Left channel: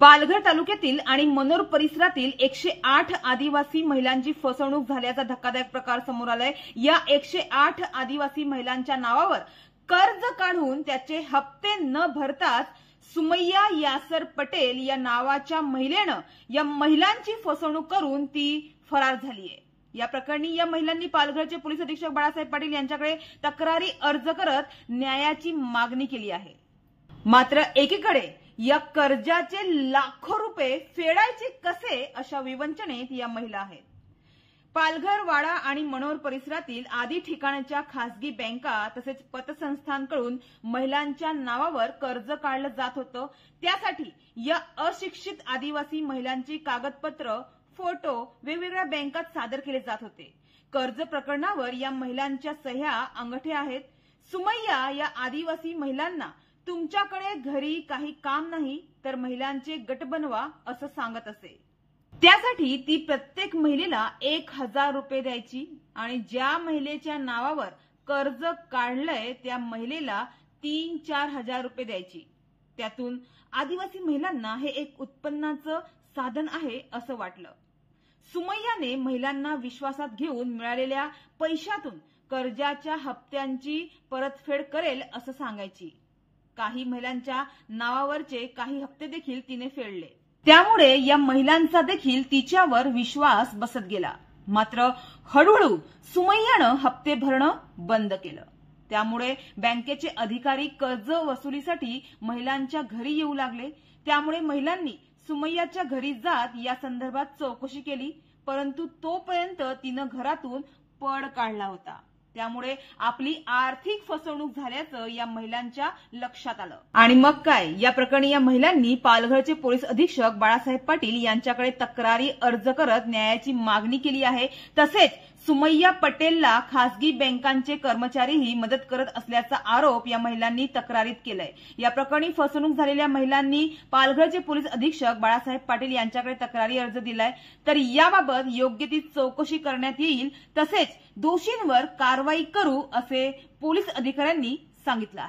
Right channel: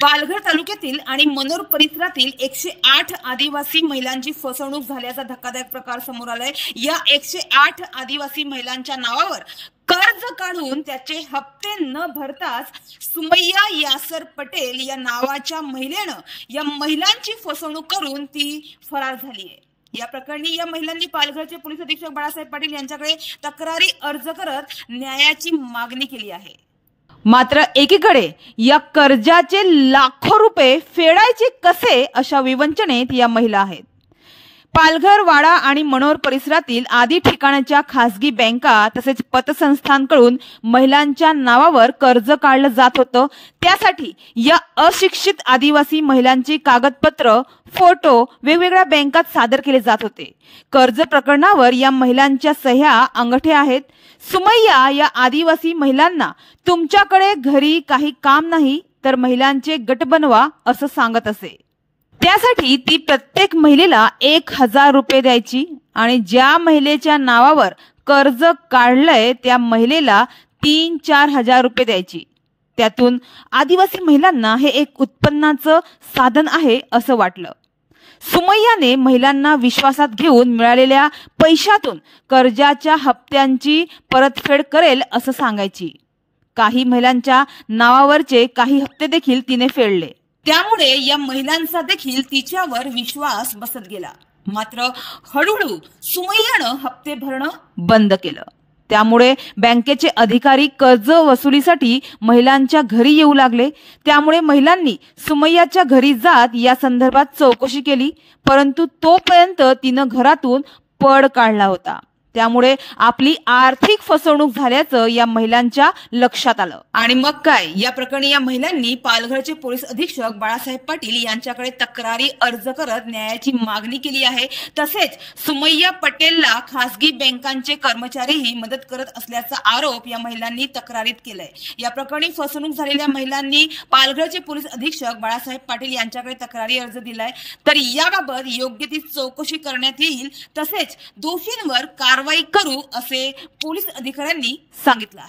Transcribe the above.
पालघर तालुक्यातील आणि मनोर परिसरातील 108 आदिवासी महिलांची फसवणूक झाल्याचा धक्कादायक प्रकार समोर आलाय। या 108 आदिवासी महिलांच्या नावावर कर्ज काढून त्याचे हप्ते न भरताच सुमैया यासर पटेल या नावाच्या महिलेनं या महिलांची फसवणूक करून ती फरार झाली आहे। या प्रकरणी या महिलांनी पालघरचे पोलीस अधीक्षक बाळासाहेब पाटील यांच्याकडे तक्रारी अर्ज करत न्यायाची मागणी केली आहे। मात्र एकीकडे या कर्जाचे लाखो रुपये फेडायचे कसे अशा विवंचनेत या महिला आहेत। पालघर, वाडा आणि मनोर परिसरातील आदी ठिकाणच्या खासगी बँका तसेच पतसंस्थांकडून महिलांच्या नावावर कर्ज काढलं जात होतं। त्यासाठी या अशिक्षित आदिवासी महिलांची कागदपत्र, फोटो वेगवेगळ्या बँकात सादर केले जात होते। कर्ज प्रकरणावर या महिलांच्या सह्या, अंगठे आहेत। सुमैया या आदिवासी महिलांना तुमच्याकडे घरी काही काम नाही तर महिलांचे गट बनवा असं सांगत असे। त्यासाठी ती प्रत्येक महिलेला 1000 रुपये द्यायची आणि ज्या महिलेच्या नावावर कर्ज काढलंय त्या महिलेला 3-4 हजार रुपये द्यायची। त्यातून आदिवासी महिलांना हे एक उत्पन्नाचं साधन आहे असं वाटलं। सुमैयाने महिलांना विश्वासात घेऊन मिळालेल्या पैशातून कर्जाच्या हप्त्यांची परतफेड करेल असं सांगायची। काही महिलांच्या नावावरचे काही हप्ते देखील तिने फेडले। त्यामुळे या महिलांचा देखील तिच्यावर विश्वास बसत गेला। मात्र हळूहळू सुमैयानं हप्ते भरणं बंद केलं। त्यामुळे बँकेचे अधिकारी कर्ज वसुलीसाठी महिलांच्या घरी येऊ लागले। त्यामुळे महिलांनी सुमैयाच्या घरी जात या संदर्भात चौकशी केली, परंतु तोपर्यंत तिनं घरातून पळ काढला होता। त्यामुळे आपली आर्थिक फसवणूक झाल्याचं या महिलांच्या लक्षात आलं आणि मग काय, या प्रकरणी या महिलांनी पालघरचे पोलीस अधीक्षक बाळासाहेब पाटील यांच्याकडे तक्रारी अर्ज करत न्यायाची मागणी केली आहे। तसेच सुमैया पटेलला खासगी बँकांचे कर्मचारीही मदत करत असल्याचा आरोप या महिलांनी तक्रारीत केलाय। या प्रकरणी फसवणूक झालेल्या महिलांनी पालघरचे पोलीस अधीक्षक बाळासाहेब पाटील यांच्याकडे तक्रारी अर्ज दिलाय। तर याबाबत योग्य ती चौकशी करण्यात येईल, तसेच दोषींवर कारवाई करू असे पोलीस अधिकाऱ्यांनी सांगितलं आहे।